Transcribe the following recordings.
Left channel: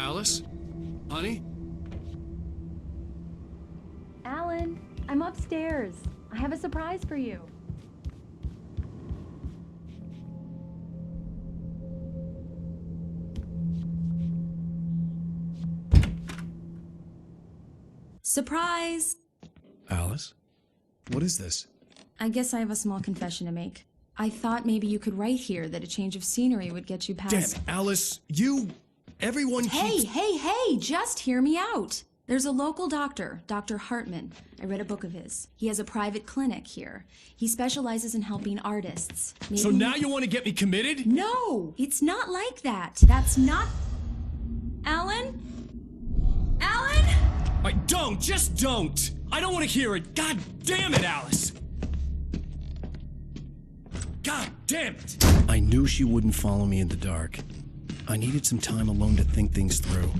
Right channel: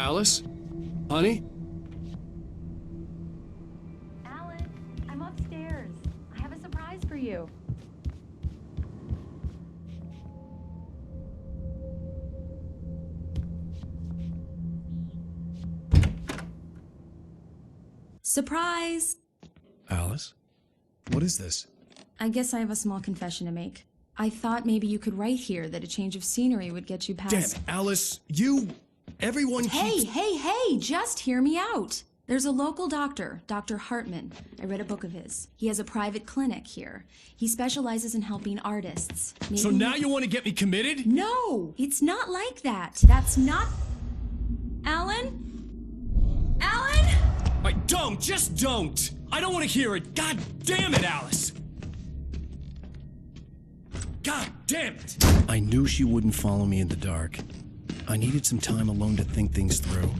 Alice? Honey? Alan, I'm upstairs. I have a surprise for you. Surprise! Alice? What is this? I guess I have a small confession to make. I thought maybe you could write here that a change of scenery would get you past— Damn it, Alice! Everyone keeps— Hey, just hear me out. There's a local doctor, Dr. Hartman. I read a book of his. He has a private clinic here. He specializes in helping artists. So now you want to get me committed? No, it's not like that. That's not— Alan? Alan? Just don't! I don't want to hear it! God damn it, Alice! God damn it! I knew she wouldn't follow me in the dark. I needed some time alone to think things through.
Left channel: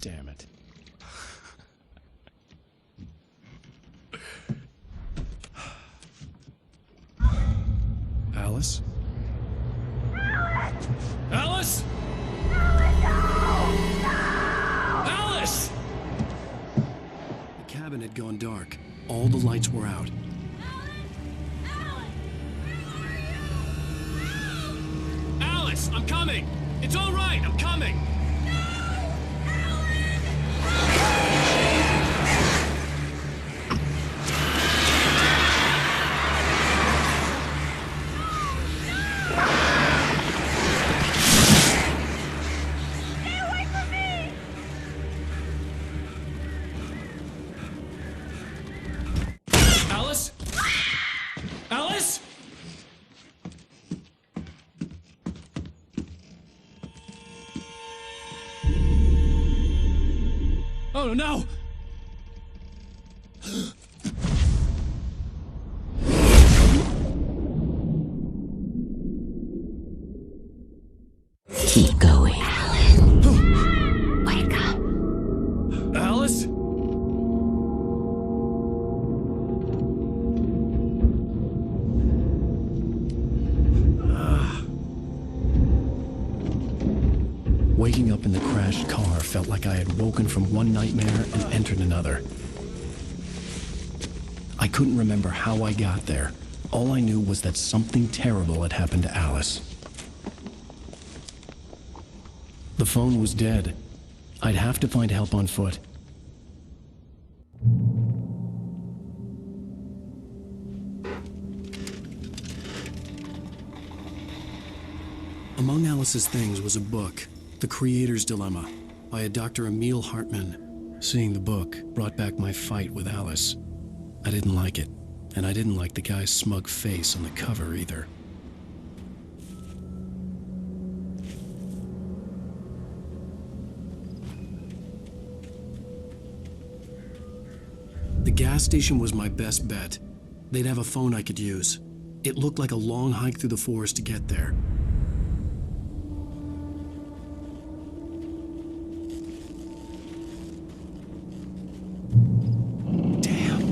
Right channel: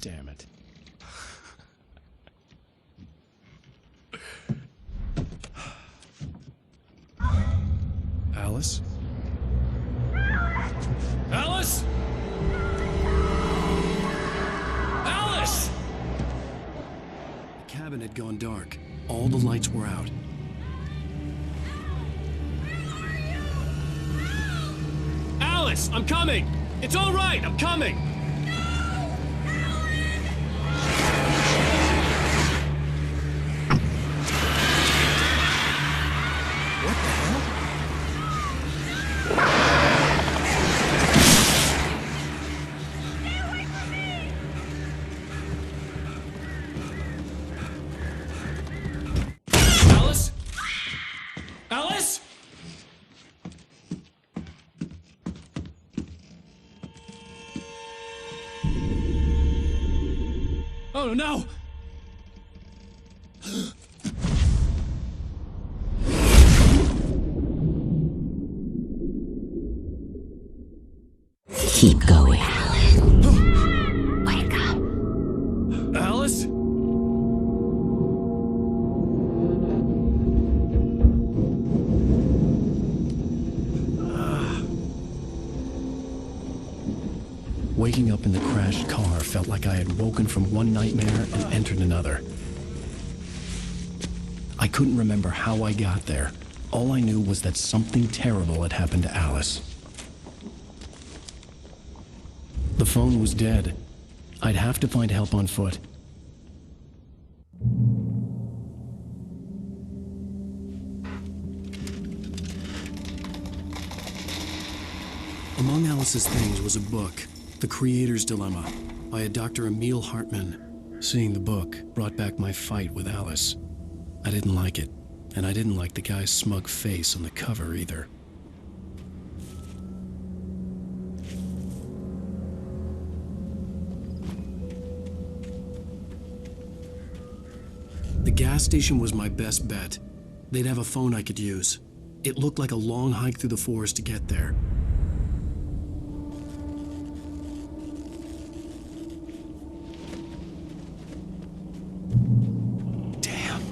Damn it. Alice? Alice? Alice! The cabin had gone dark. All the lights were out. Alice, I'm coming! It's all right, I'm coming! Alice? Alice? Oh no! Keep going, Alan. Wake up. Alice? Waking up in the crashed car felt like I had woken from one nightmare and entered another. I couldn't remember how I got there. All I knew was that something terrible had happened to Alice. The phone was dead. I'd have to find help on foot. Among Alice's things was a book, The Creator's Dilemma, by a Dr. Emil Hartman. Seeing the book brought back my fight with Alice. I didn't like it, and I didn't like the guy's smug face on the cover either. The gas station was my best bet. They'd have a phone I could use. It looked like a long hike through the forest to get there. Damn.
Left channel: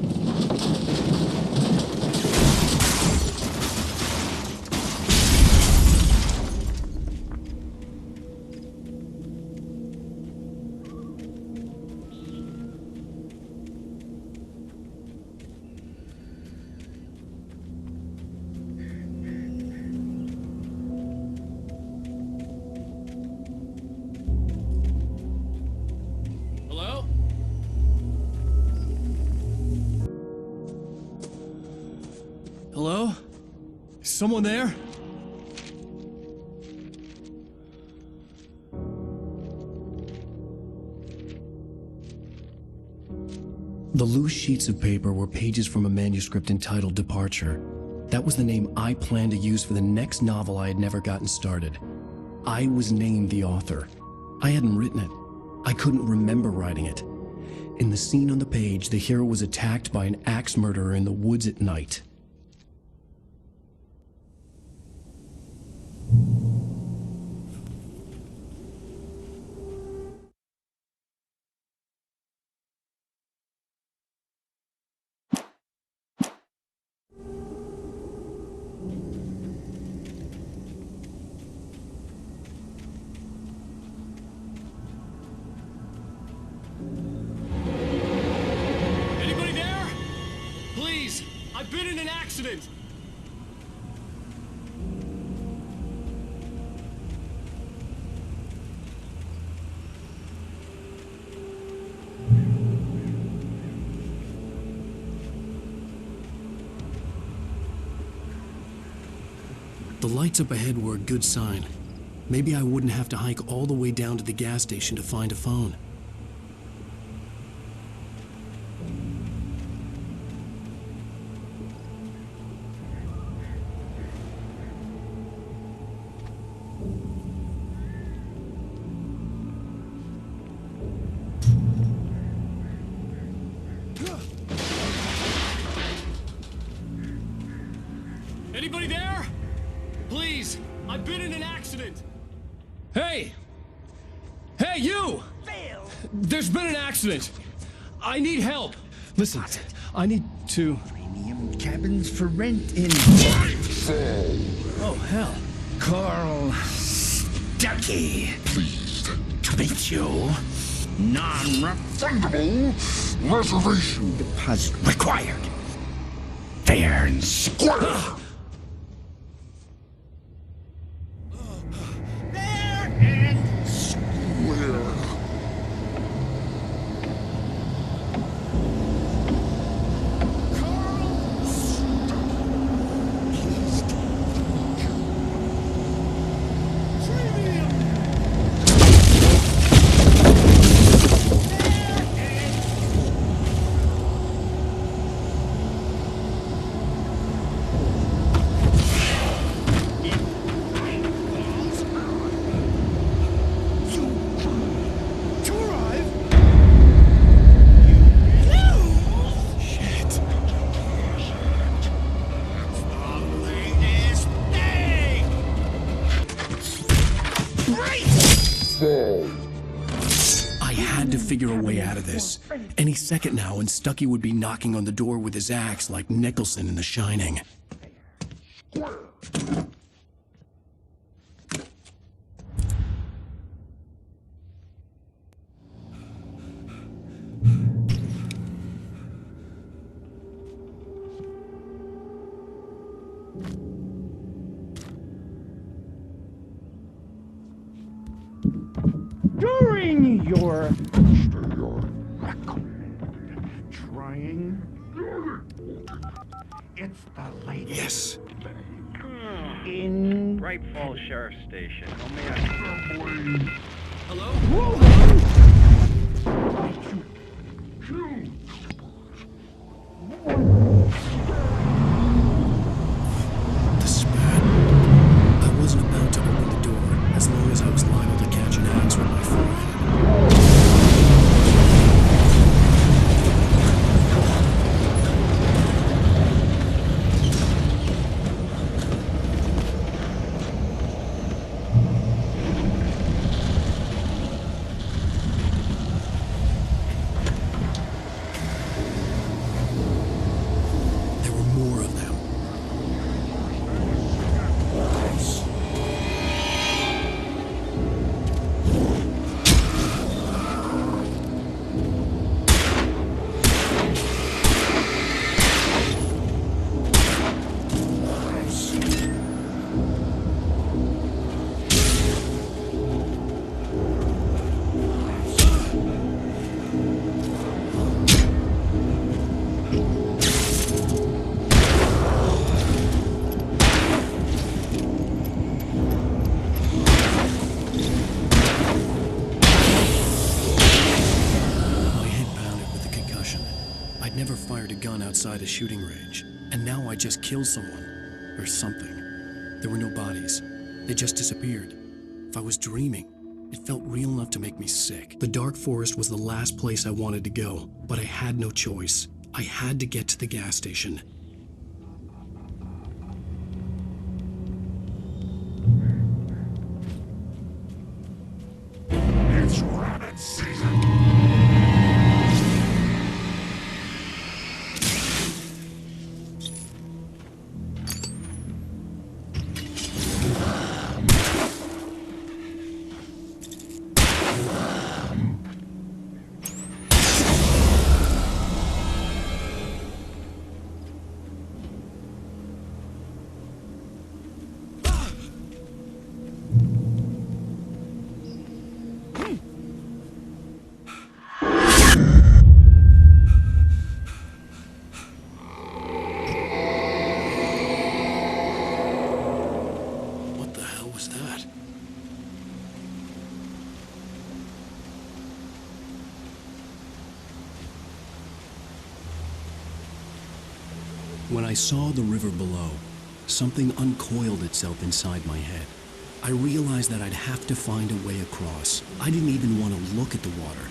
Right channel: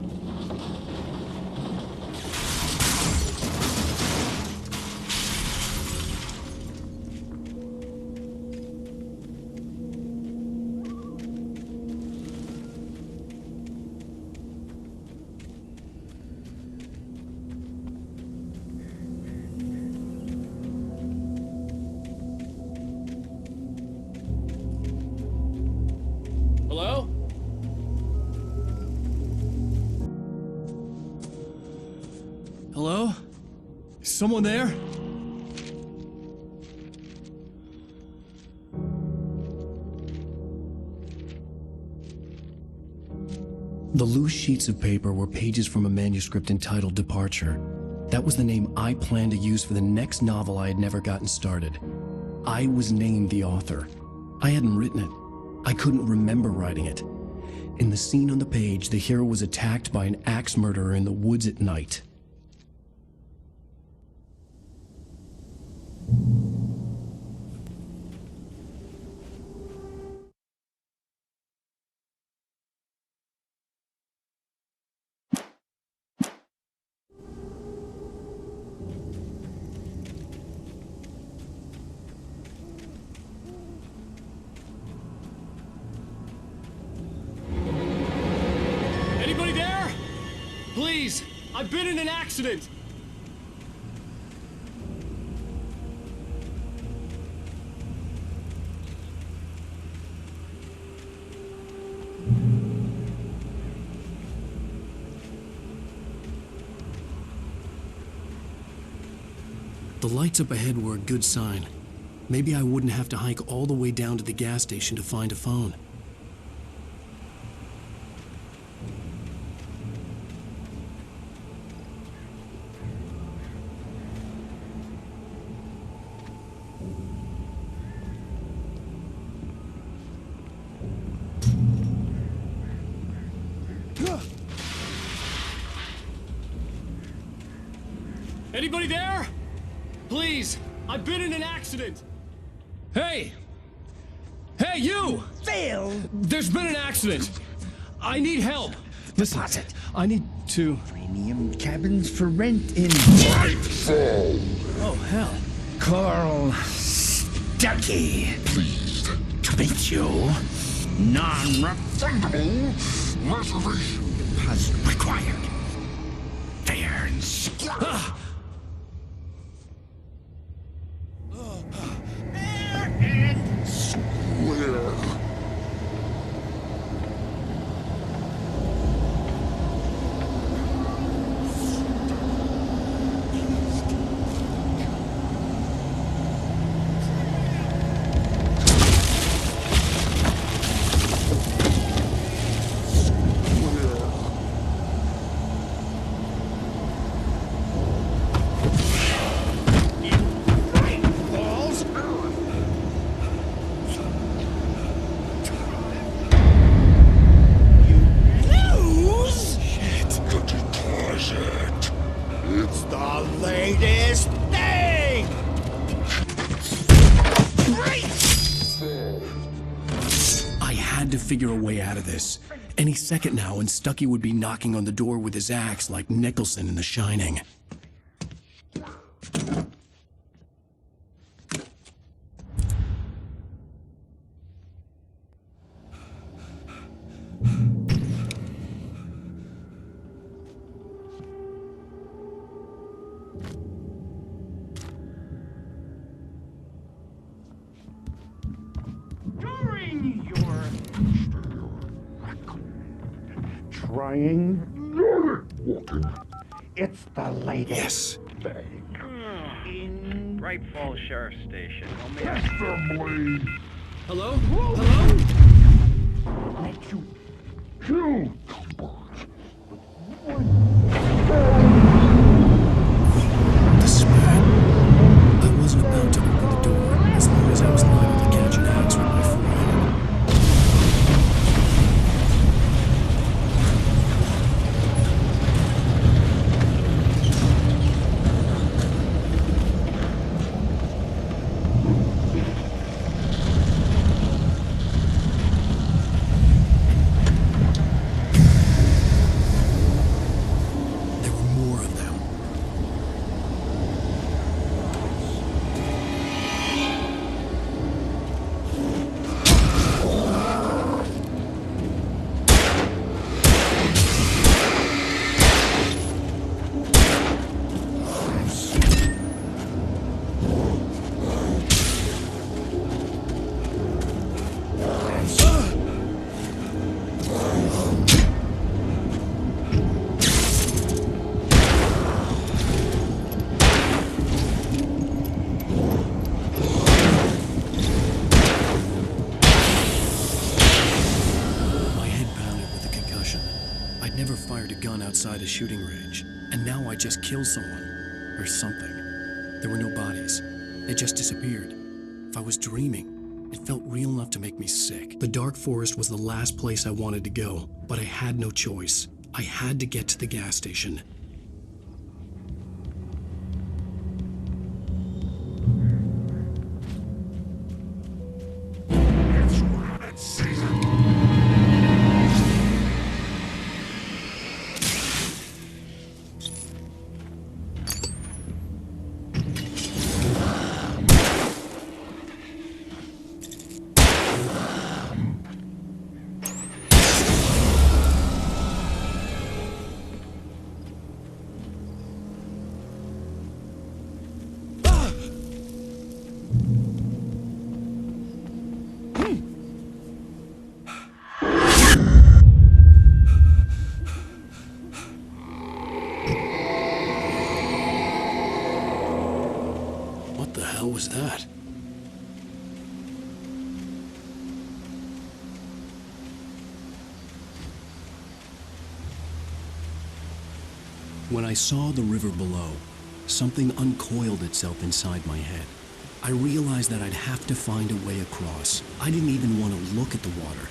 Hello? Hello? Is someone there? The loose sheets of paper were pages from a manuscript entitled Departure. That was the name I planned to use for the next novel I had never gotten started. I was named the author. I hadn't written it. I couldn't remember writing it. In the scene on the page, the hero was attacked by an axe murderer in the woods at night. Anybody there? Please, I've been in an accident. The lights up ahead were a good sign. Maybe I wouldn't have to hike all the way down to the gas station to find a phone. Anybody there? Please, I've been in an accident. Hey! Hey, you! Phil! There's been an accident. I need help. Listen, I need to... Premium cabins for rent in... Oh, hell. Carl Stuckey. Pleased To meet you. Non-refundable reservation deposit required. Fair and square. Fair and where it's the latest thing! I had to figure a way out of this. Any second now, and Stuckey would be knocking on the door with his axe like Nicholson in The Shining. During your trying, it's the latest Yes. in Bright Falls Sheriff Station. How may I... assembly Hello? let you kill The spirit. I wasn't about to open the door, as long as I was liable to catch an axe with my forehead. There were more of them. My head pounded with the concussion. I'd never fired a gun outside a shooting range, and now I just killed someone. Or something. There were no bodies. They just disappeared. If I was dreaming, it felt real enough to make me sick. The dark forest was the last place I wanted to go, but I had no choice. I had to get to the gas station. it's rabbit season. hell was that? When I saw the river below, something uncoiled itself inside my head. I realized that I'd have to find a way across. I didn't even want to look at the water.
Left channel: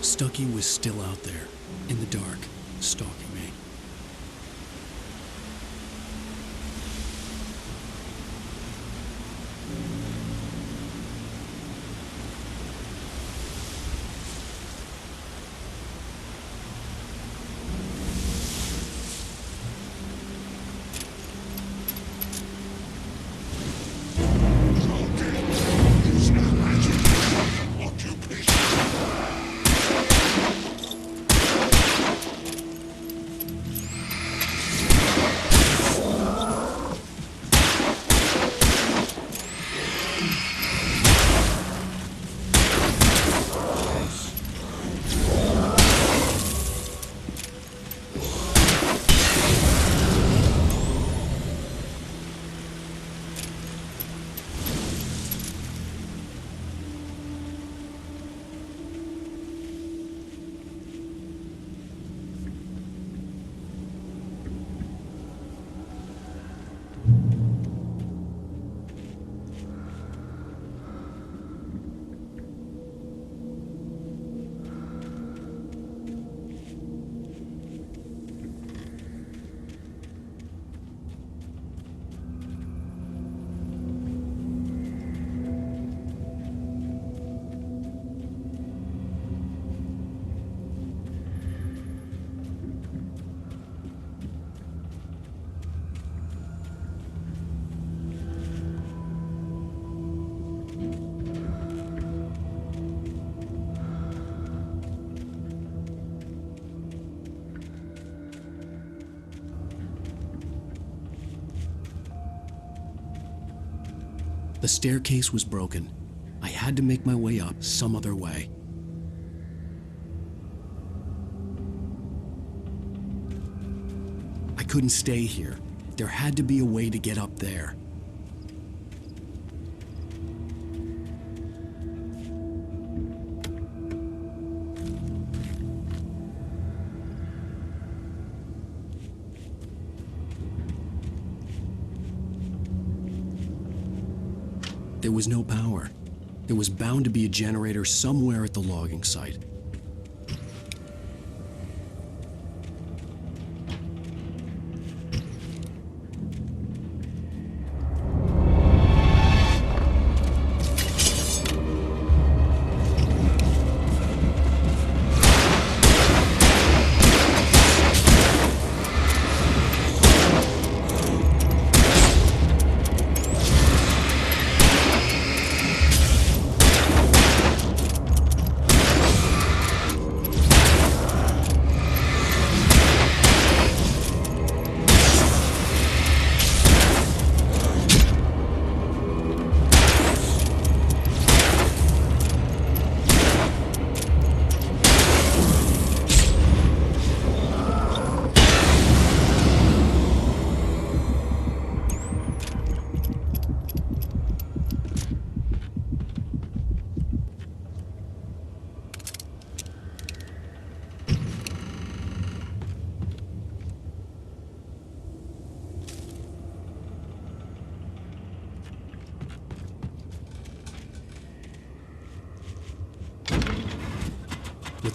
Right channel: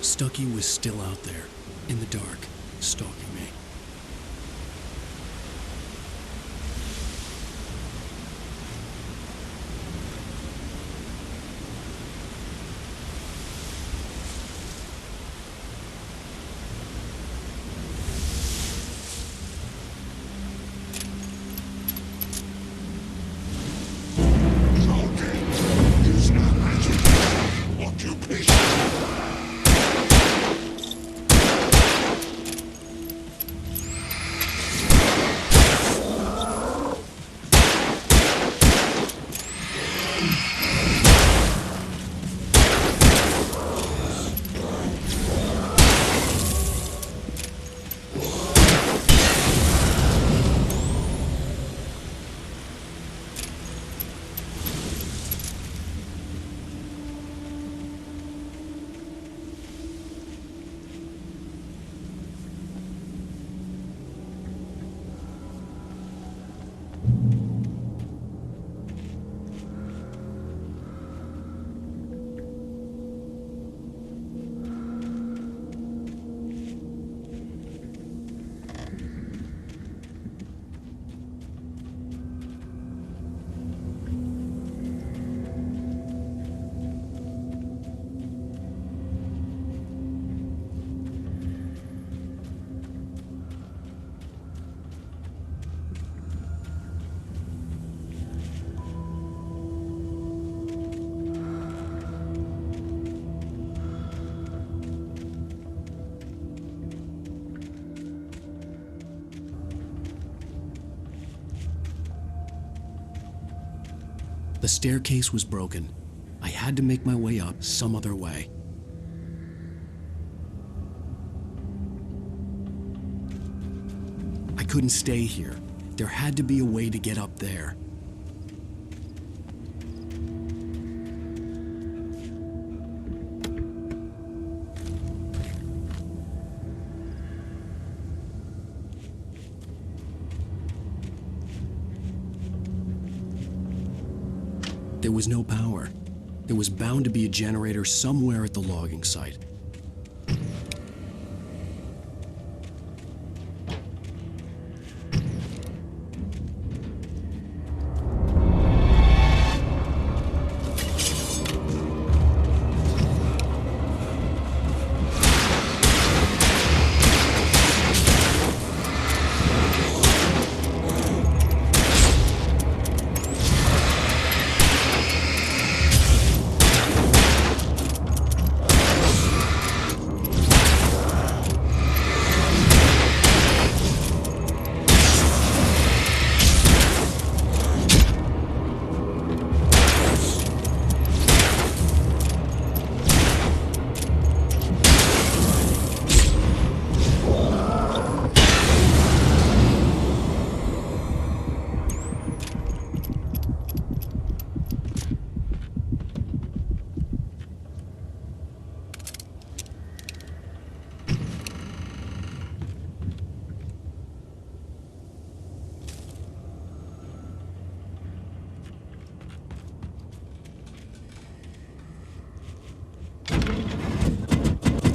Stucky was still out there, in the dark, stalking me. Logging is a legendary occupation. The staircase was broken. I had to make my way up some other way. I couldn't stay here. There had to be a way to get up there. There was no power. There was bound to be a generator somewhere at the logging site.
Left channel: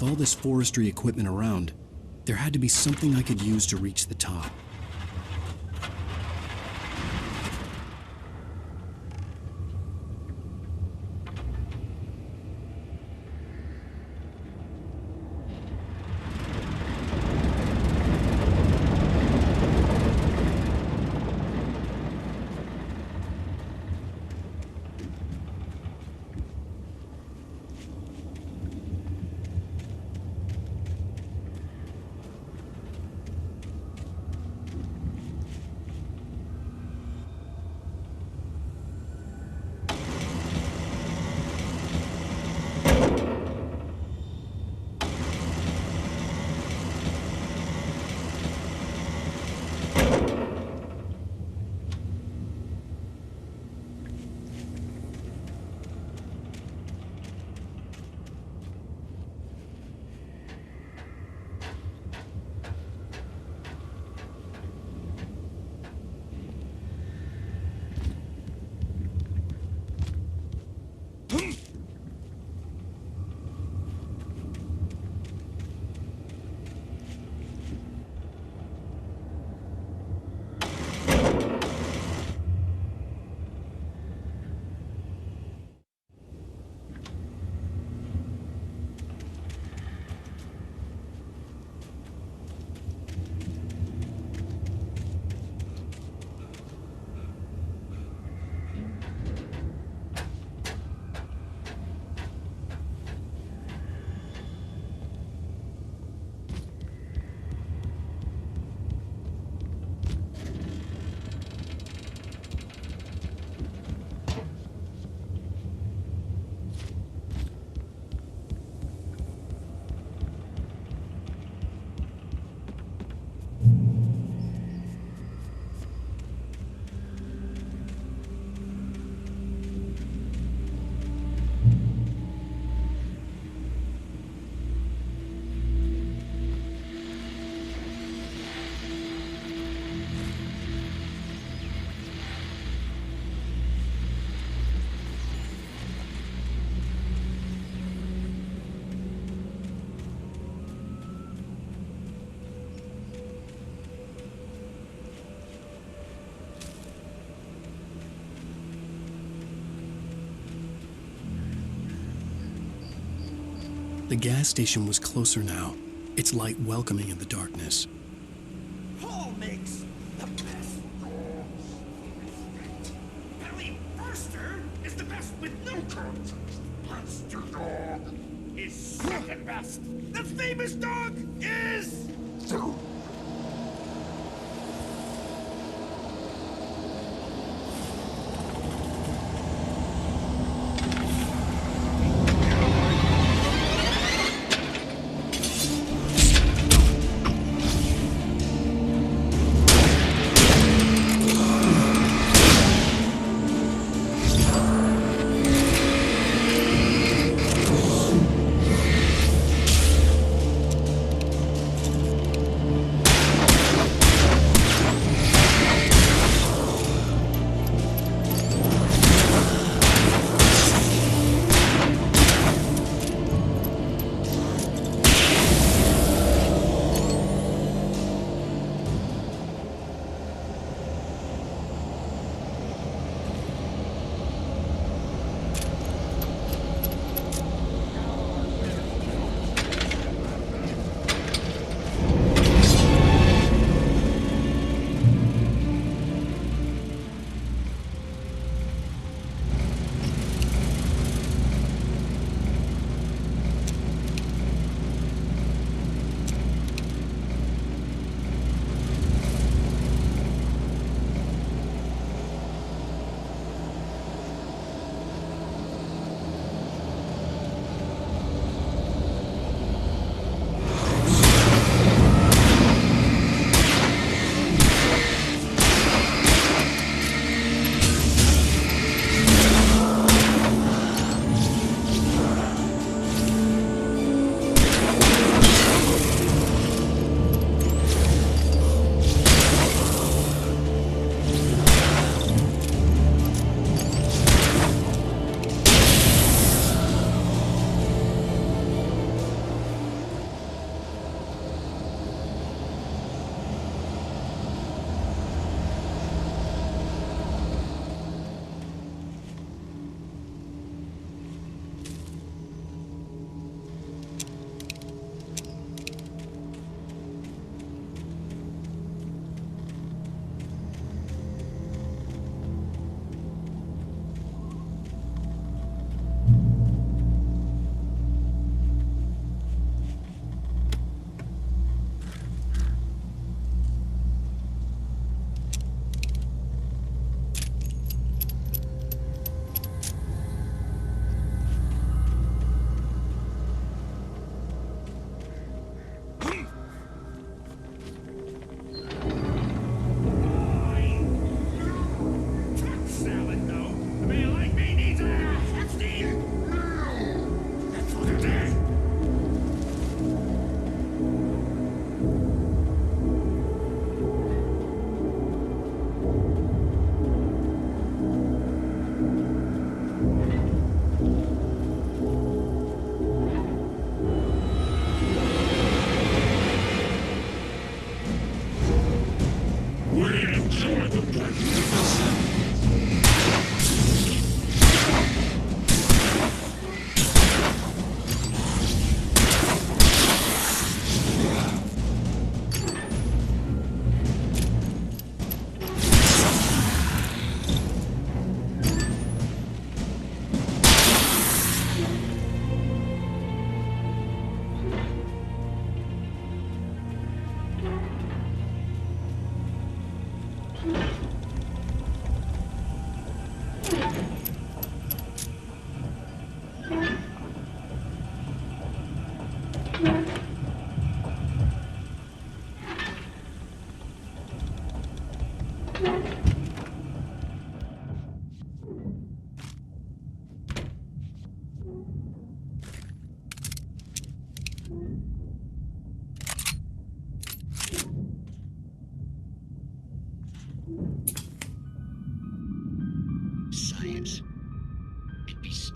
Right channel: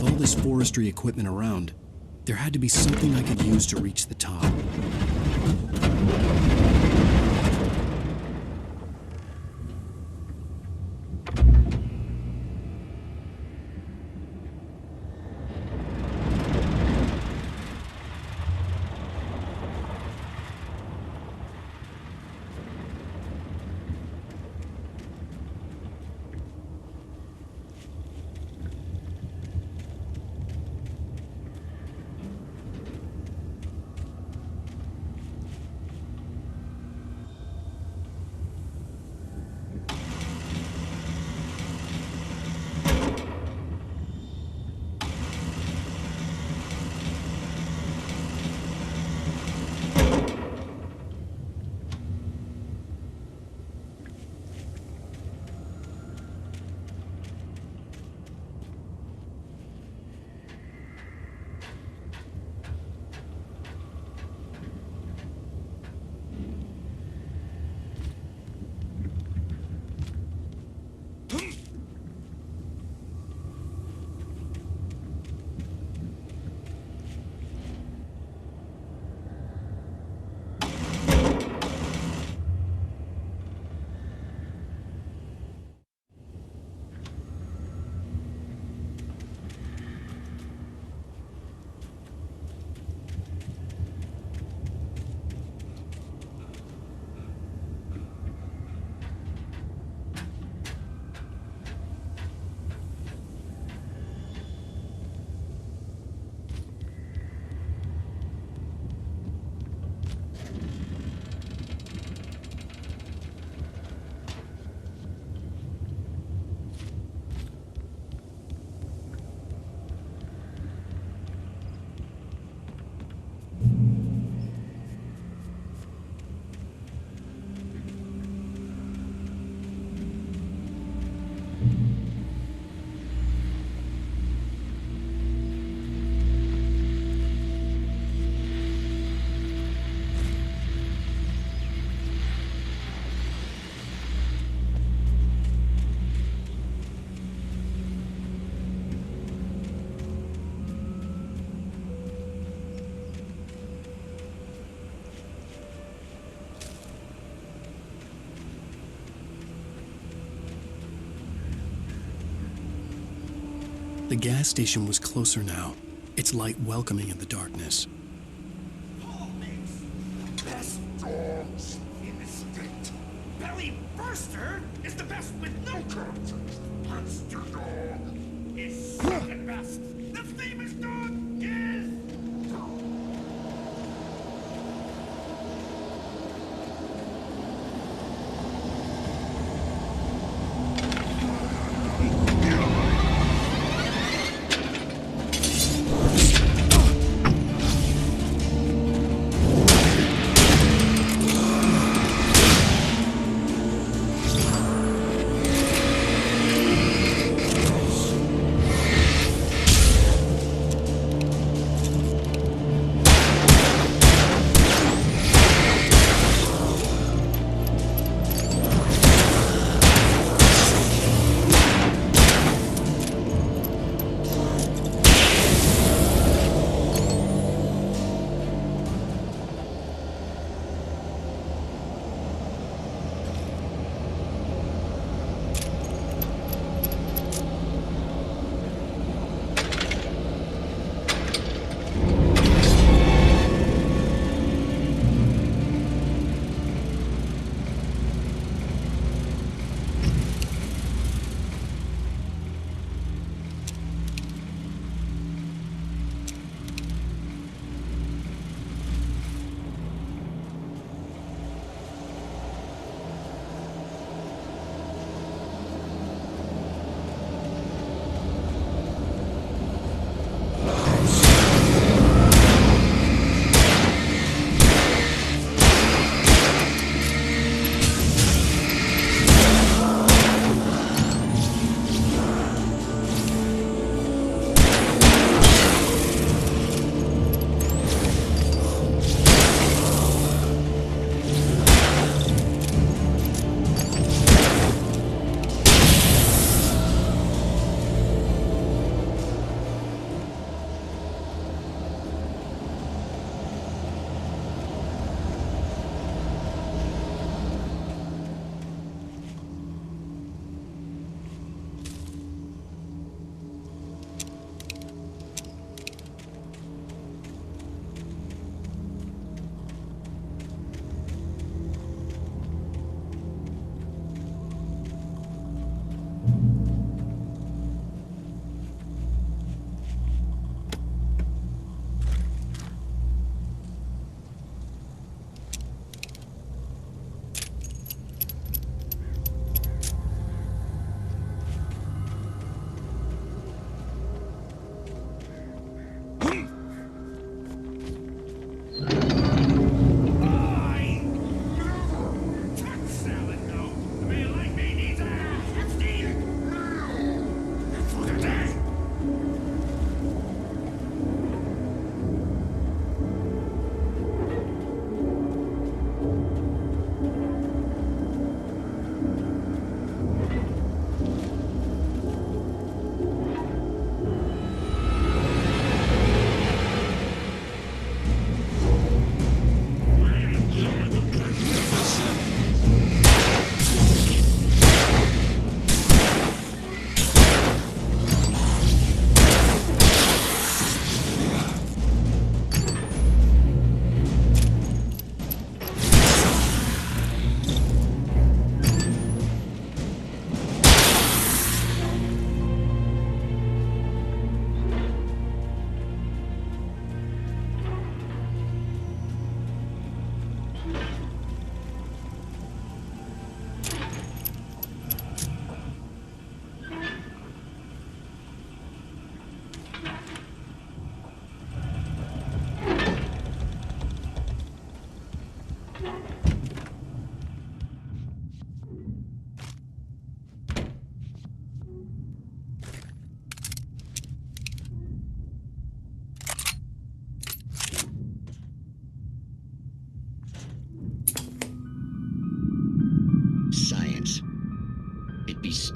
With all this forestry equipment around, there had to be something I could use to reach the top. The gas station was closer now, its light welcoming in the darkness. Paul makes the best dogs in the state. Belly Burster is the best with no context. Monster Dog is second best. The famous dog is...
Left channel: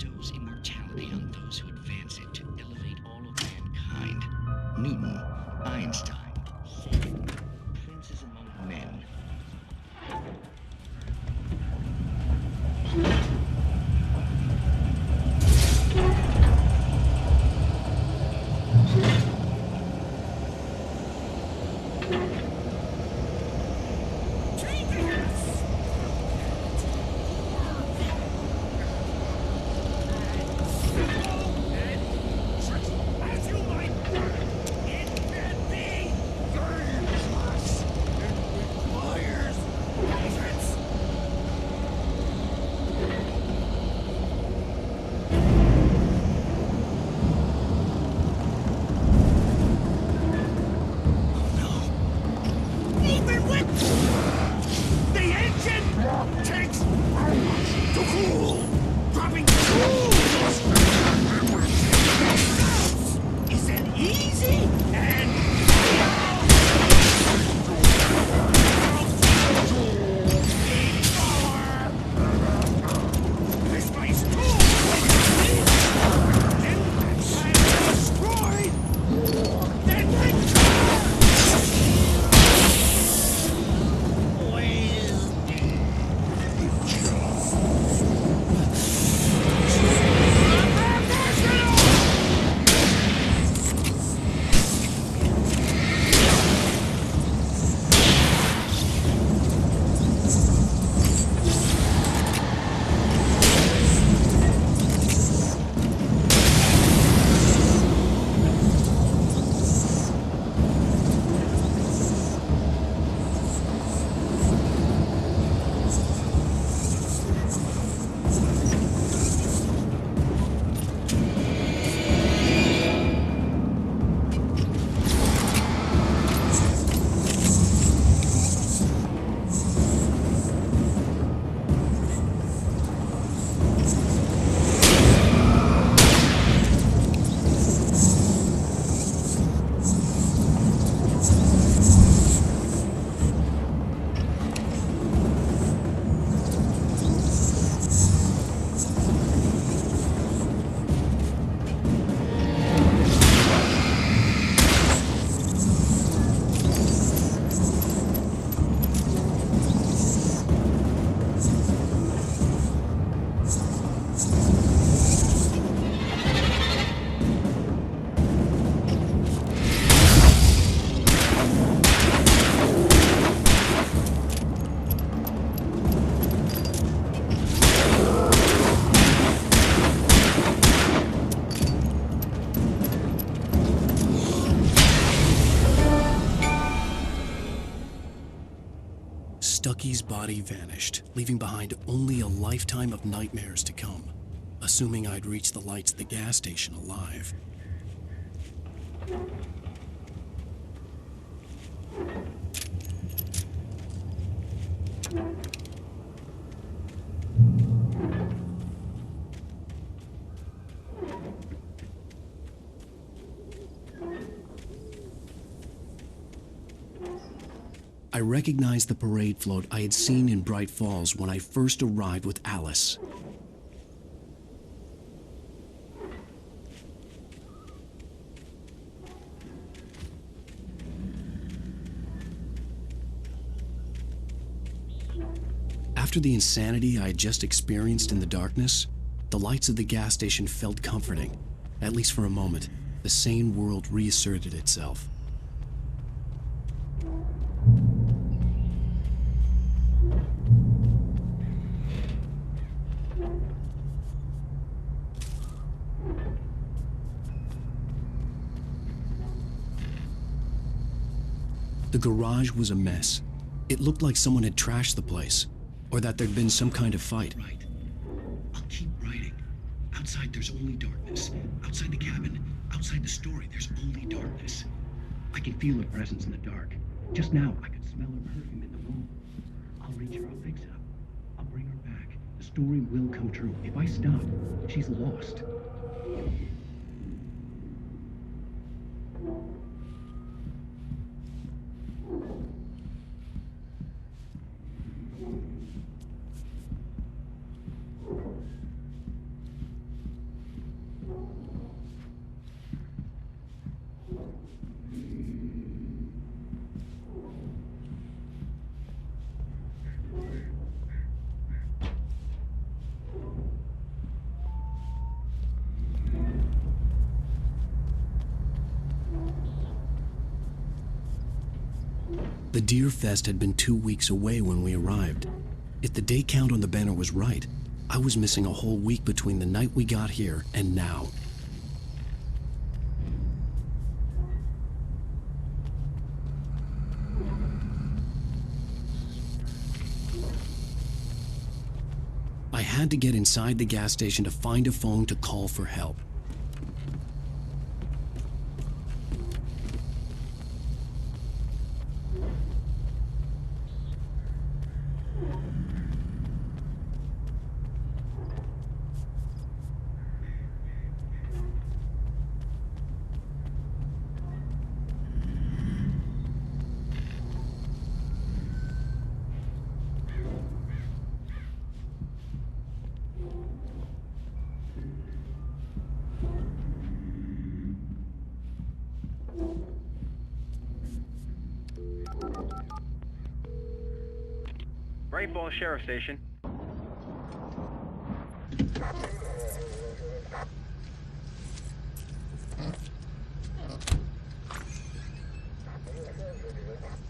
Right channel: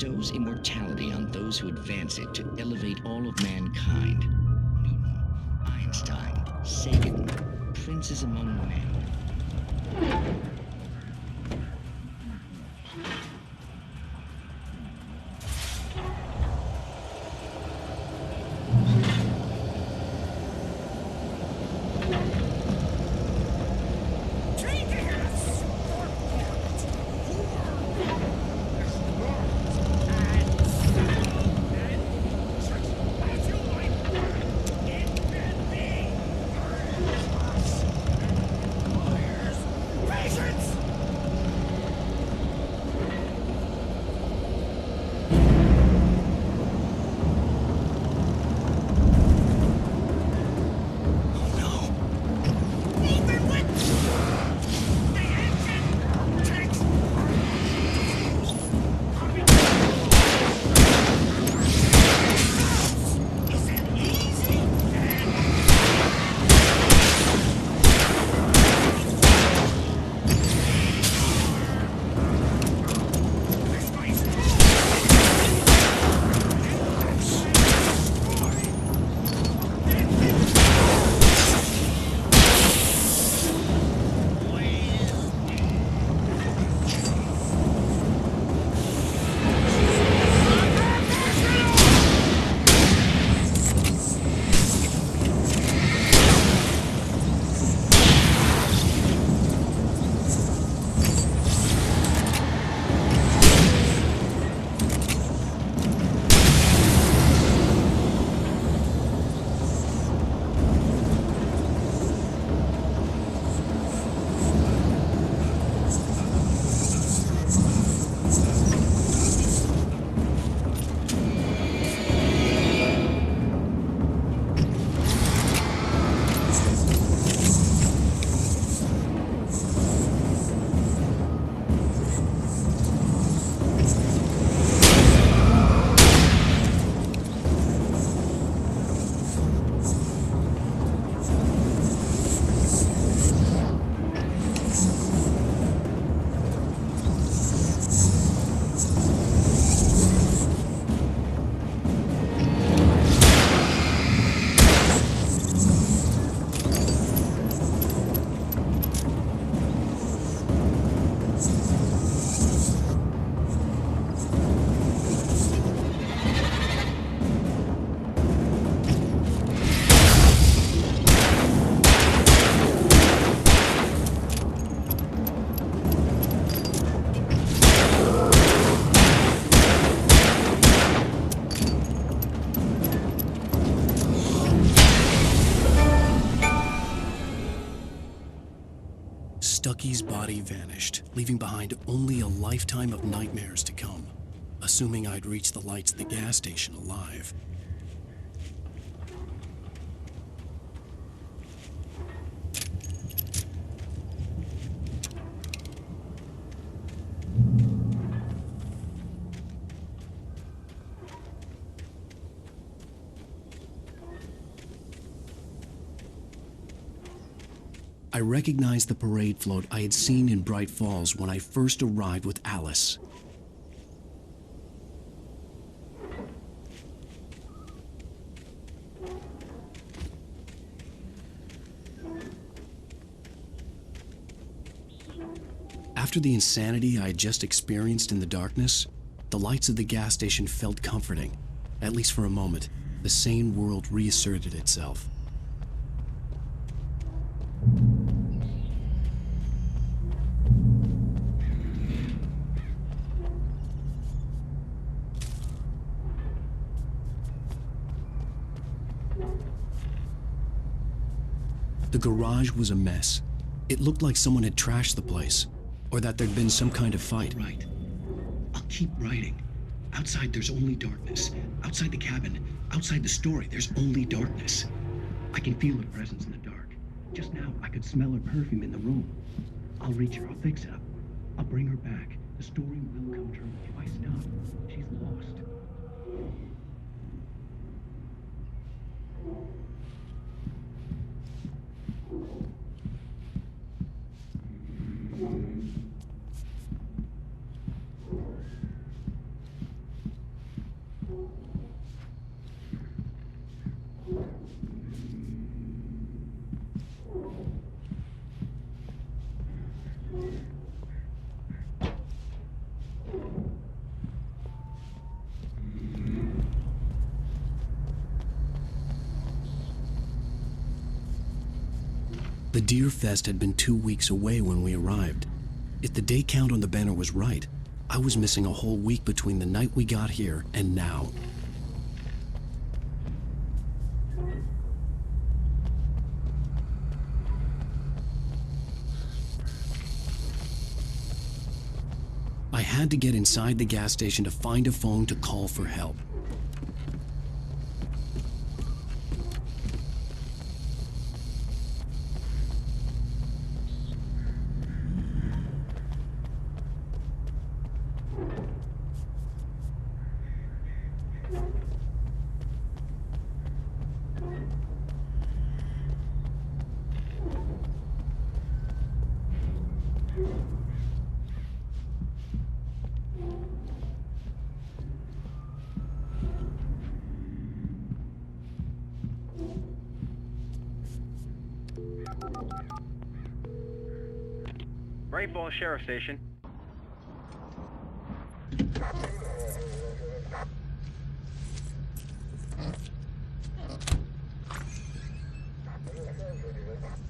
bestows immortality on those who advance it to elevate all of mankind. Newton, Einstein, Sagan, princes among men. Taking us for point. And simple and tricky as you might find, it can be dangerous. It requires patience. Even with the engine takes to cool, dropping isn't easy and this place Stucky's body vanished, leaving behind only a lifetime of nightmares to come, assuming I'd reached the lights at the gas station alive. I recognized the parade float I had seen in Bright Falls when I first arrived with Alice. After the insanity I had just experienced in the darkness, the lights of the gas station felt comforting. At least for a moment, the sane world reasserted itself. The garage was a mess. It looked like someone had trashed the place, or that there'd been some kind of fight. Right. I'll keep writing. Outside, there's only darkness. Outside the cabin, outside the story, there's only darkness. I can feel her presence in the dark. Just now, I could smell her perfume in the room. I'll reach her. I'll fix it up. I'll bring her back. The story will come true. If I stop, she's lost. The Deer Fest had been 2 weeks away when we arrived. If the day count on the banner was right, I was missing a whole week between the night we got here and now. I had to get inside the gas station to find a phone to call for help. Bright Falls Sheriff Station.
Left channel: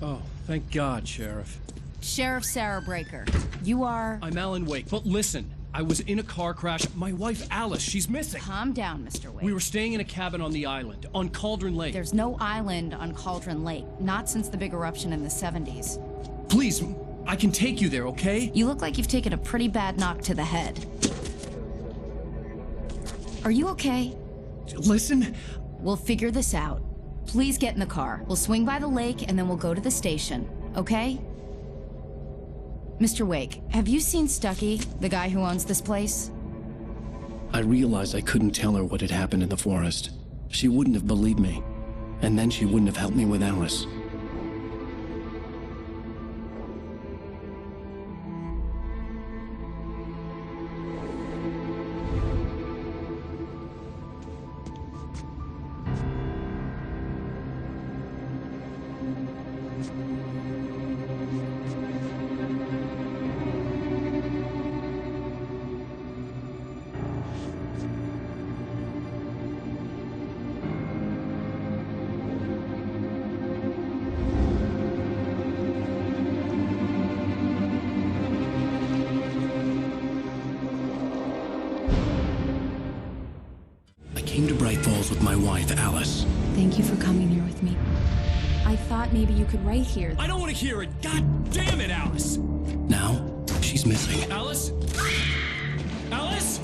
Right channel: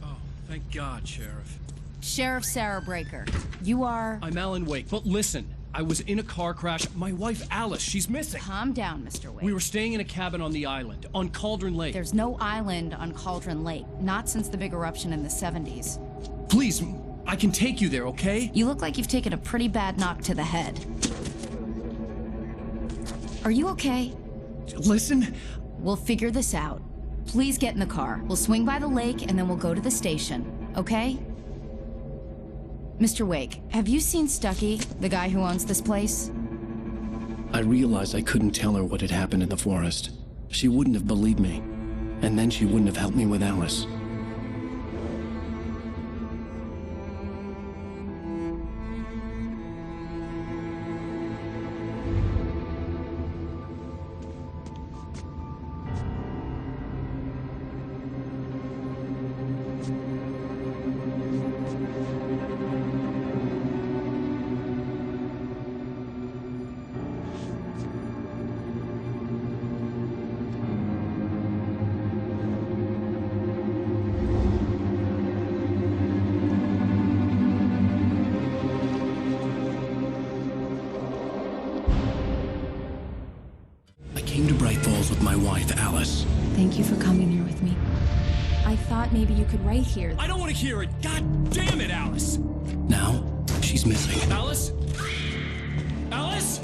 Oh, thank God, Sheriff. Sheriff Sarah Breaker, you are... I'm Alan Wake, but listen, I was in a car crash. My wife, Alice, she's missing. Calm down, Mr. Wake. We were staying in a cabin on the island, on Cauldron Lake. There's no island on Cauldron Lake, not since the big eruption in the 70s. Please, I can take you there, okay? You look like you've taken a pretty bad knock to the head. Are you okay? Listen. We'll figure this out. Please get in the car. We'll swing by the lake and then we'll go to the station, okay? Mr. Wake, have you seen Stucky, the guy who owns this place? I realized I couldn't tell her what had happened in the forest. She wouldn't have believed me. And then she wouldn't have helped me with Alice. I came to Bright Falls with my wife, Alice. Thank you for coming here with me. I thought maybe you could write here. I don't want to hear it. God damn it, Alice. Now, she's missing. Alice? Alice?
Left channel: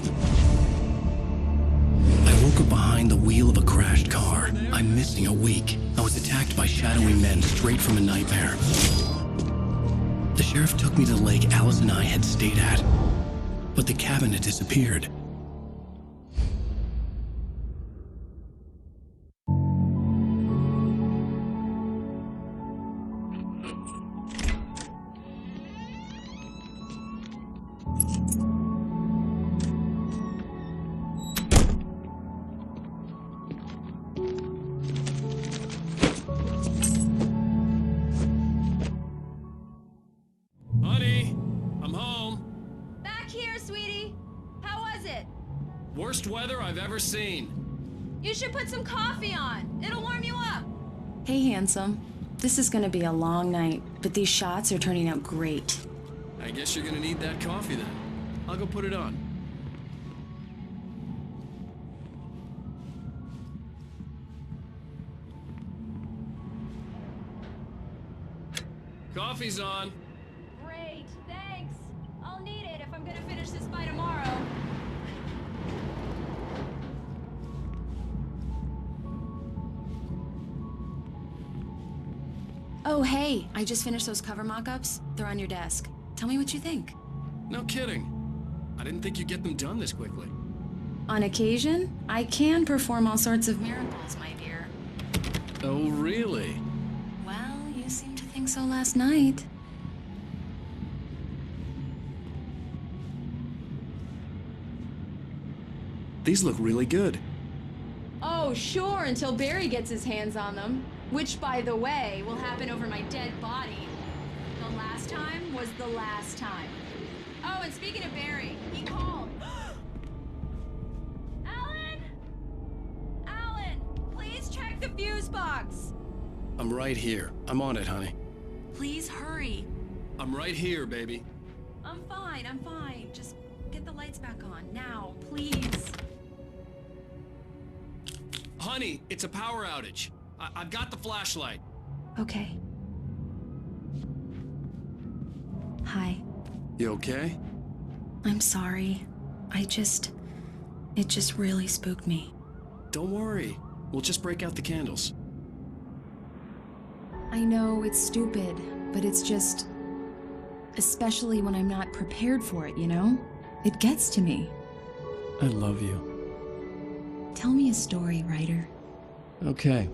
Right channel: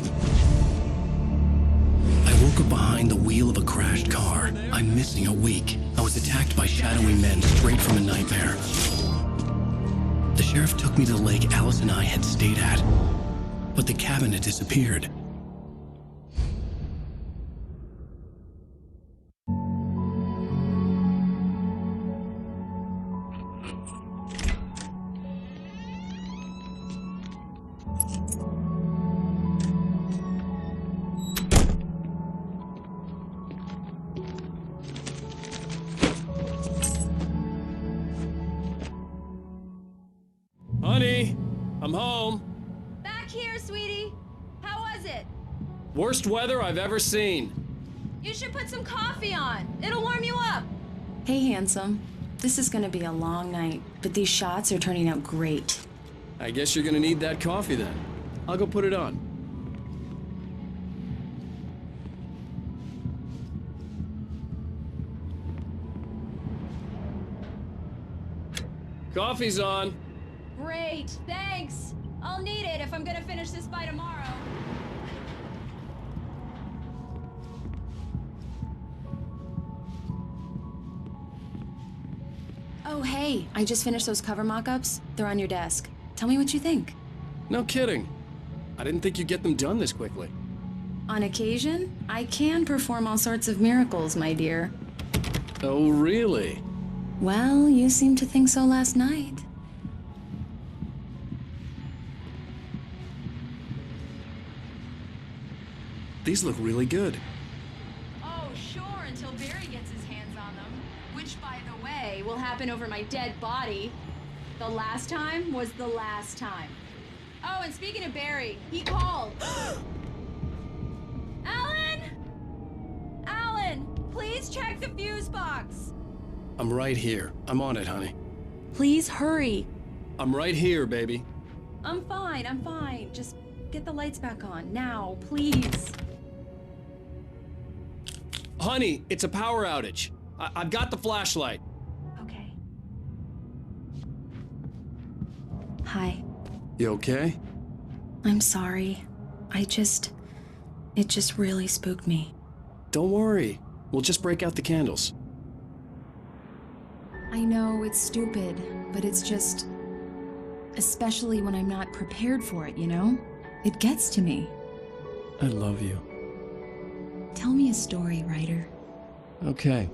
I woke up behind the wheel of a crashed car. I'm missing a week. I was attacked by shadowy men straight from a nightmare. The sheriff took me to the lake Alice and I had stayed at. But the cabin had disappeared. Honey, I'm home. Back here, sweetie. How was it? Worst weather I've ever seen. You should put some coffee on. It'll warm you up. Hey, handsome. This is gonna be a long night, but these shots are turning out great. I guess you're gonna need that coffee then. I'll go put it on. Coffee's on. Great, thanks. I'll need it if I'm gonna finish this by tomorrow. Oh, hey, I just finished those cover mock-ups. They're on your desk. Tell me what you think. No kidding. I didn't think you'd get them done this quickly. On occasion, I can perform all sorts of miracles, my dear. Oh, really? Well, you seemed to think so last night. These look really good. Oh, sure, until Barry gets his hands on them. Which, by the way, will happen over my dead body. The last time was the last time. Oh, and speaking of Barry, he called. Alan! Alan, please check the fuse box. I'm right here. I'm on it, honey. Please hurry. I'm right here, baby. I'm fine, I'm fine. Just get the lights back on, now, please. Honey, it's a power outage. I've got the flashlight. Okay. Hi. You okay? I'm sorry. It just really spooked me. Don't worry. We'll just break out the candles. I know it's stupid, but it's just... Especially when I'm not prepared for it, you know? It gets to me. I love you. Tell me a story, writer. Okay.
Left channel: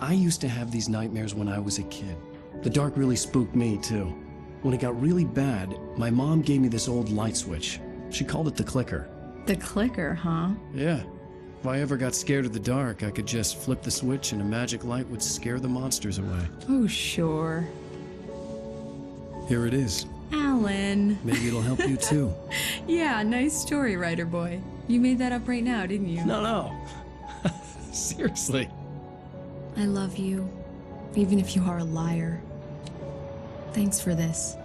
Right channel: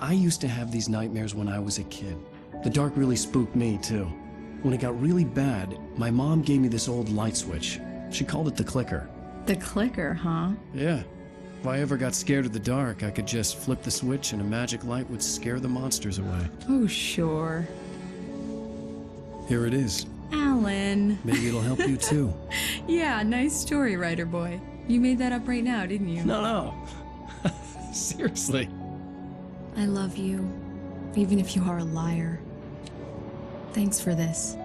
I used to have these nightmares when I was a kid. The dark really spooked me, too. When it got really bad, my mom gave me this old light switch. She called it the clicker. The clicker, huh? Yeah. If I ever got scared of the dark, I could just flip the switch and a magic light would scare the monsters away. Oh, sure. Here it is. Alan. Maybe it'll help you, too. Yeah, nice story, writer boy. You made that up right now, didn't you? No. Seriously. I love you, even if you are a liar. Thanks for this.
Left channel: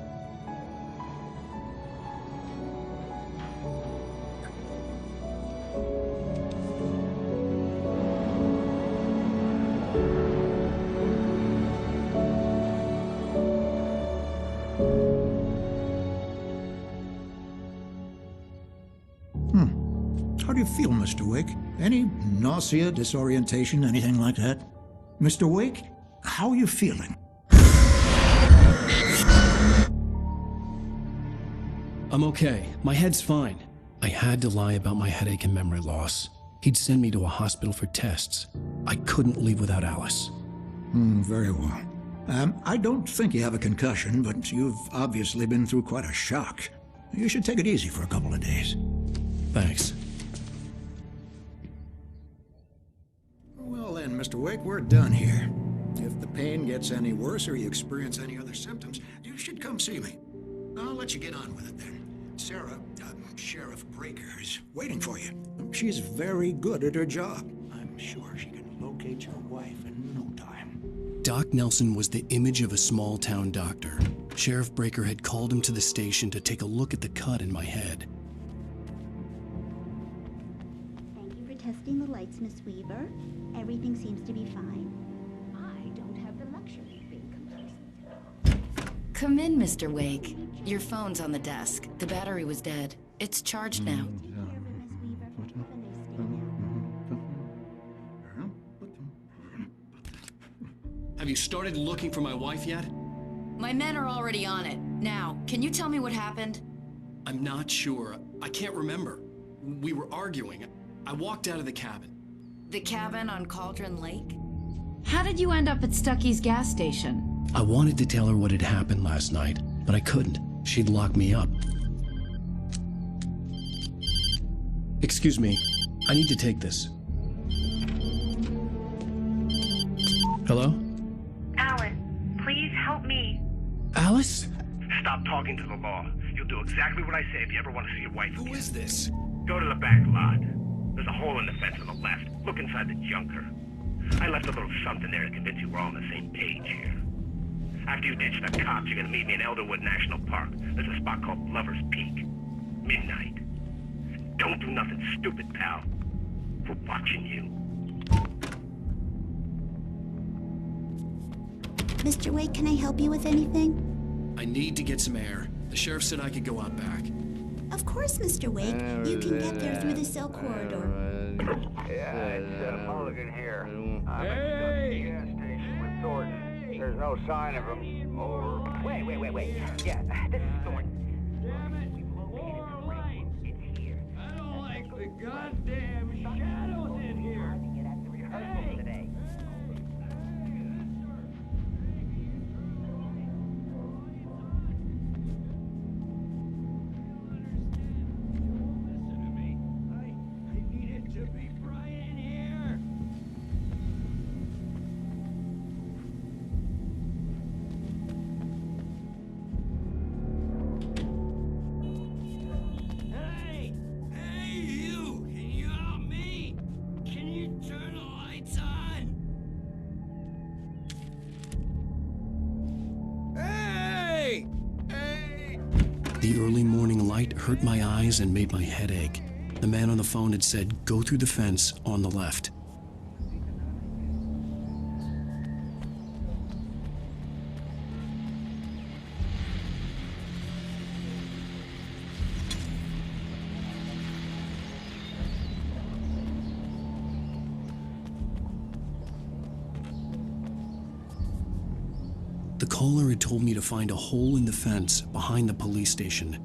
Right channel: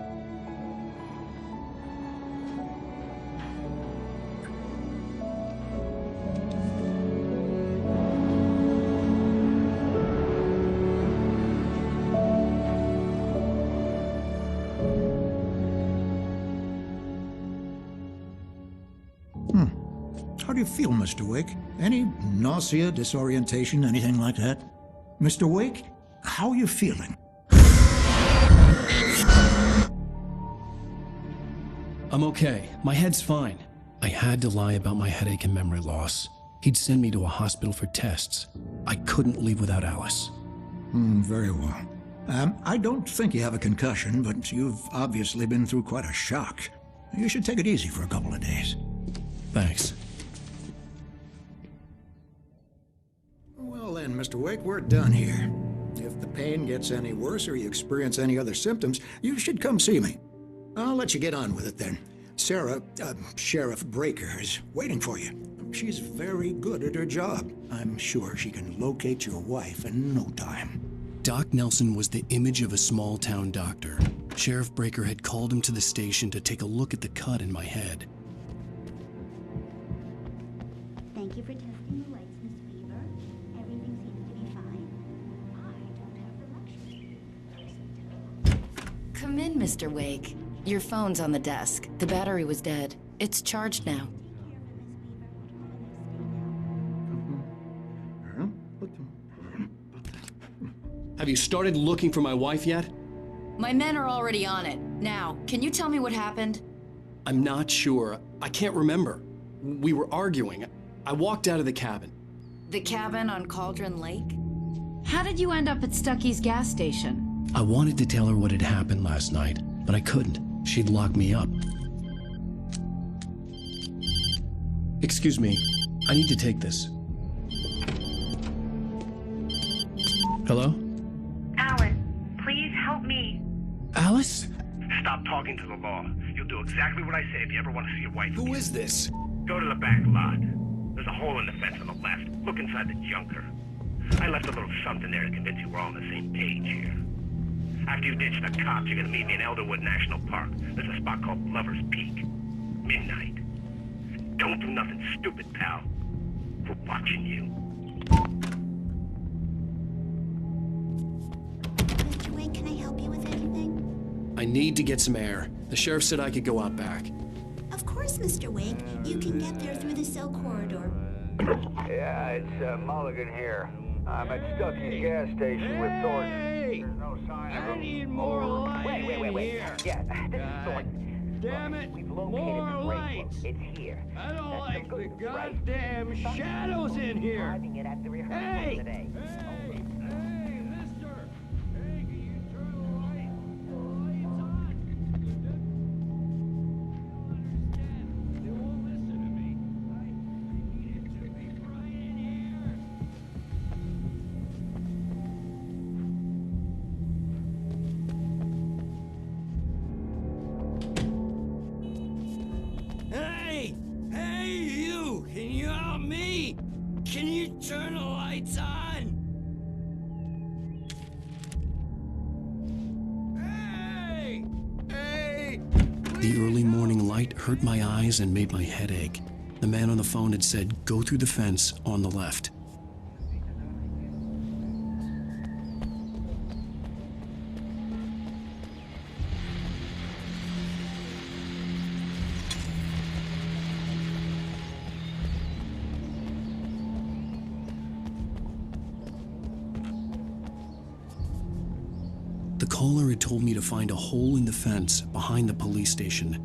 How do you feel, Mr. Wake? Any nausea, disorientation, anything like that? Mr. Wake, how are you feeling? I'm okay. My head's fine. I had to lie about my headache and memory loss. He'd send me to a hospital for tests. I couldn't leave without Alice. Very well. I don't think you have a concussion, but you've obviously been through quite a shock. You should take it easy for a couple of days. Thanks. Well then, Mr. Wake, we're done here. If the pain gets any worse or you experience any other symptoms, you should come see me. I'll let you get on with it then. Sarah, Sheriff Breaker, is waiting for you. She's very good at her job. I'm sure she can locate your wife in no time. Doc Nelson was the image of a small-town doctor. Sheriff Breaker had called him to the station to take a look at the cut in my head. Thank you for testing the lights, Miss Weaver. Everything seems to be fine. I don't have the luxury of comparison. Come in, Mr. Wake. Your phone's on the desk. The battery was dead. It's charged now. Take care of it, Miss Weaver. Have a nice day now. Have you started looking for my wife yet? My men are already on it. Now, can you tell me what happened? I'm not sure. I can't remember. We were arguing. I walked out of the cabin. The cabin on Cauldron Lake? How did you end up at Stucky's gas station? I wanted to tell her what had happened last night, but I couldn't. She'd lock me up. Excuse me. I need to take this. Hello? Alan, please help me. Alice? Stop talking to the law. You'll do exactly what I say if you ever want to see your wife again. Who is this? Go to the back lot. There's a hole in the fence on the left. Look inside the junker. I left a little something there to convince you we're all on the same page here. After you ditch the cops, you're gonna meet me in Elderwood National Park. There's a spot called Lover's Peak. Midnight. Don't do nothing stupid, pal. We're watching you. Mr. Wake, can I help you with anything? I need to get some air. The sheriff said I could go out back. Of course, Mr. Wake. You can get there through the cell corridor. Yeah, it's Mulligan here. I'm at Stucky's gas station with Thornton. There's no sign of him. Over. Wait. Yeah, this is Thornton. Damn it! We've located the break room. It's here. I don't like the goddamn shadows in here. Driving it at the rehearsal today. Hey, you! Can you help me? Can you turn the lights on? The early morning light hurt my eyes and made my head ache. The man on the phone had said, "Go through the fence on the left." The caller had told me to find a hole in the fence behind the police station.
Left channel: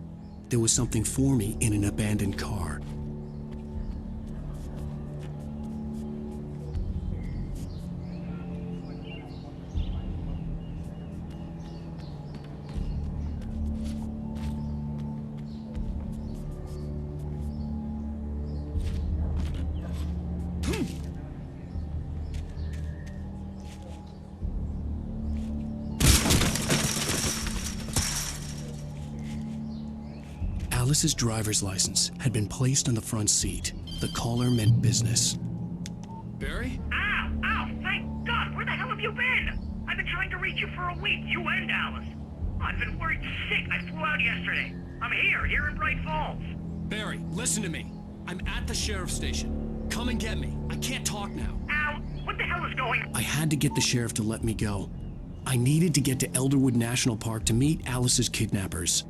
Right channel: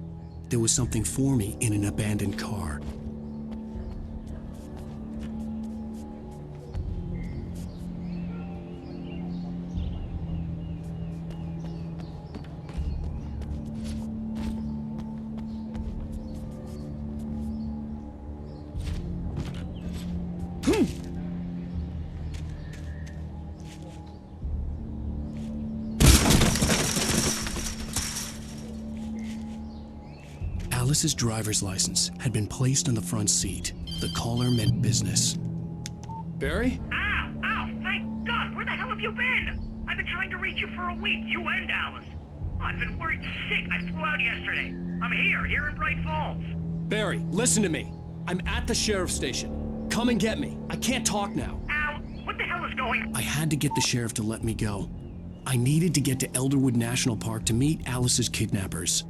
There was something for me in an abandoned car. Alice's driver's license had been placed on the front seat. The caller meant business. Barry? Ow! Ow! Thank God! Where the hell have you been? I've been trying to reach you for a week, you and Alice. I've been worried sick. I flew out yesterday. I'm here in Bright Falls. Barry, listen to me. I'm at the sheriff's station. Come and get me. I can't talk now. Al, what the hell is going on? I had to get the sheriff to let me go. I needed to get to Elderwood National Park to meet Alice's kidnappers.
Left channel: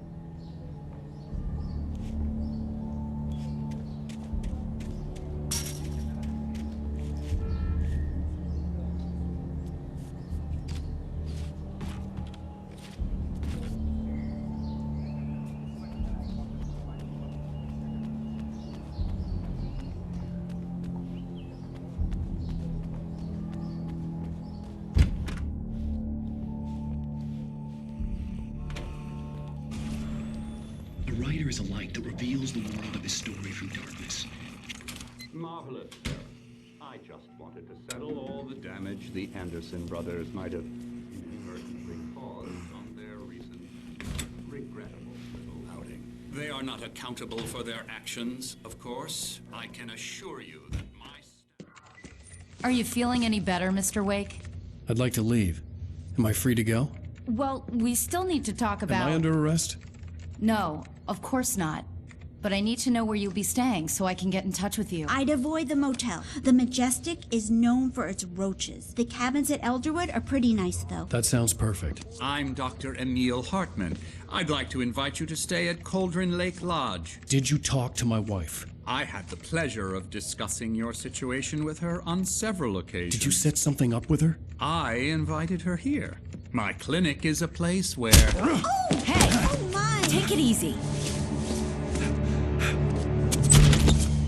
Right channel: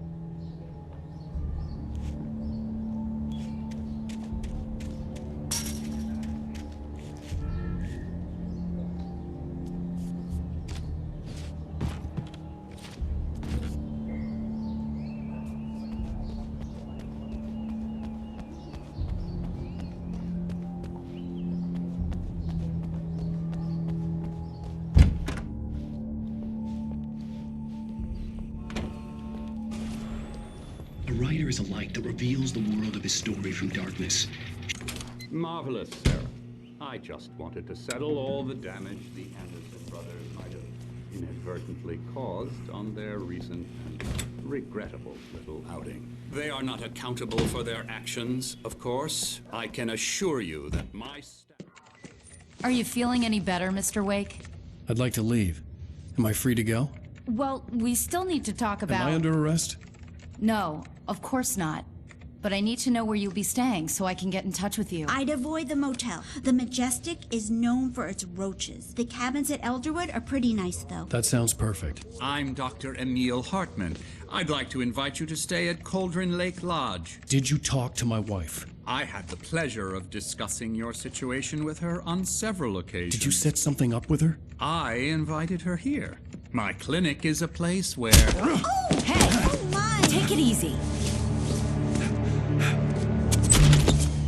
A writer is a light that reveals the world of his story from darkness. Marvelous, Sarah. I just wanted to settle all the damage the Anderson brothers might have inadvertently caused on their recent regrettable little outing. They are not accountable for their actions, of course. I can assure you that my Are you feeling any better, Mr. Wake? I'd like to leave. Am I free to go? Well, we still need to talk about... Am I under arrest? No, of course not. But I need to know where you'll be staying so I can get in touch with you. I'd avoid the motel. The Majestic is known for its roaches. The cabins at Elderwood are pretty nice, though. That sounds perfect. I'm Dr. Emil Hartman. I'd like to invite you to stay at Cauldron Lake Lodge. Did you talk to my wife? I had the pleasure of discussing your situation with her on several occasions. Did you set something up with her? I invited her here. My clinic is a place where... Oh, hey! Oh, my! Take it easy.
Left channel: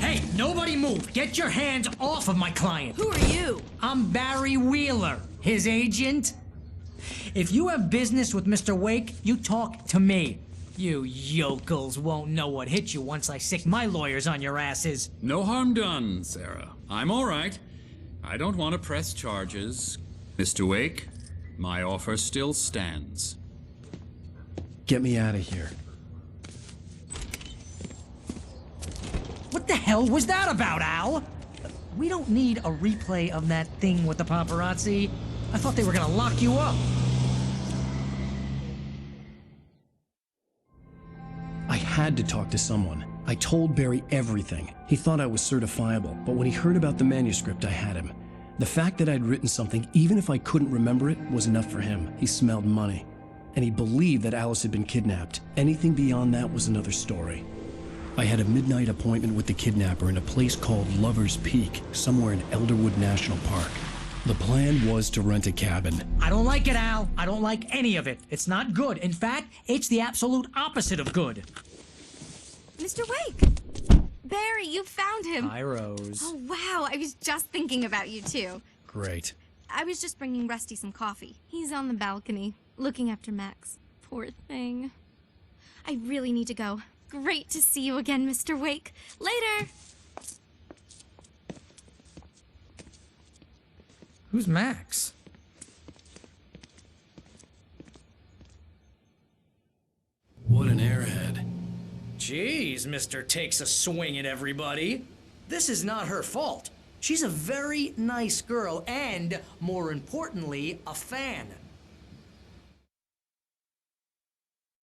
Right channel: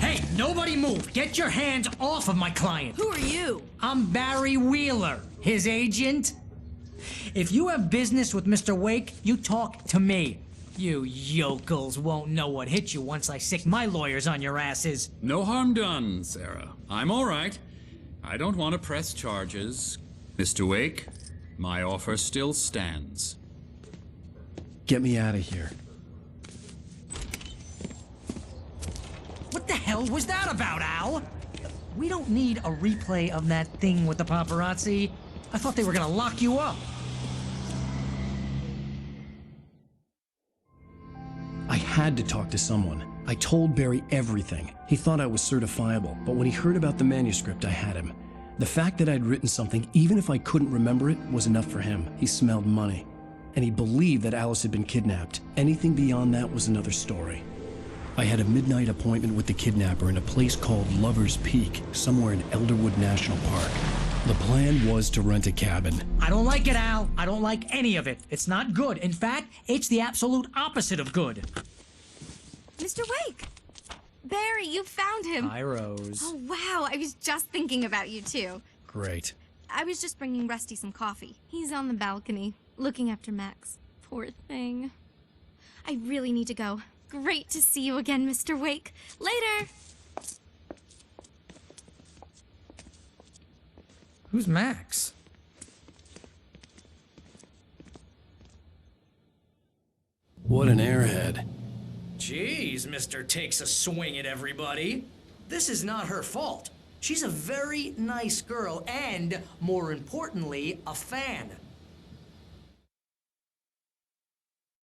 Hey, nobody move! Get your hands off of my client! Who are you? I'm Barry Wheeler, his agent. If you have business with Mr. Wake, you talk to me. You yokels won't know what hit you once I sick my lawyers on your asses. No harm done, Sarah. I'm all right. I don't want to press charges. Mr. Wake, my offer still stands. Get me out of here. What the hell was that about, Al? We don't need a replay of that thing with the paparazzi. I thought they were gonna lock you up. I had to talk to someone. I told Barry everything. He thought I was certifiable, but when he heard about the manuscript, I had him. The fact that I'd written something, even if I couldn't remember it, was enough for him. He smelled money. And he believed that Alice had been kidnapped. Anything beyond that was another story. I had a midnight appointment with the kidnapper in a place called Lover's Peak, somewhere in Elderwood National Park. The plan was to rent a cabin. I don't like it, Al. I don't like any of it. It's not good. In fact, it's the absolute opposite of good. Mr. Wake! Barry, you found him. Hi, Rose. Oh, wow. I was just thinking about you, too. Great. I was just bringing Rusty some coffee. He's on the balcony, looking after Max. Poor thing. I really need to go. Great to see you again, Mr. Wake. Later! Who's Max? What an airhead. Jeez, Mr. Takes a swing at everybody. This is not her fault. She's a very nice girl and, more importantly, a fan.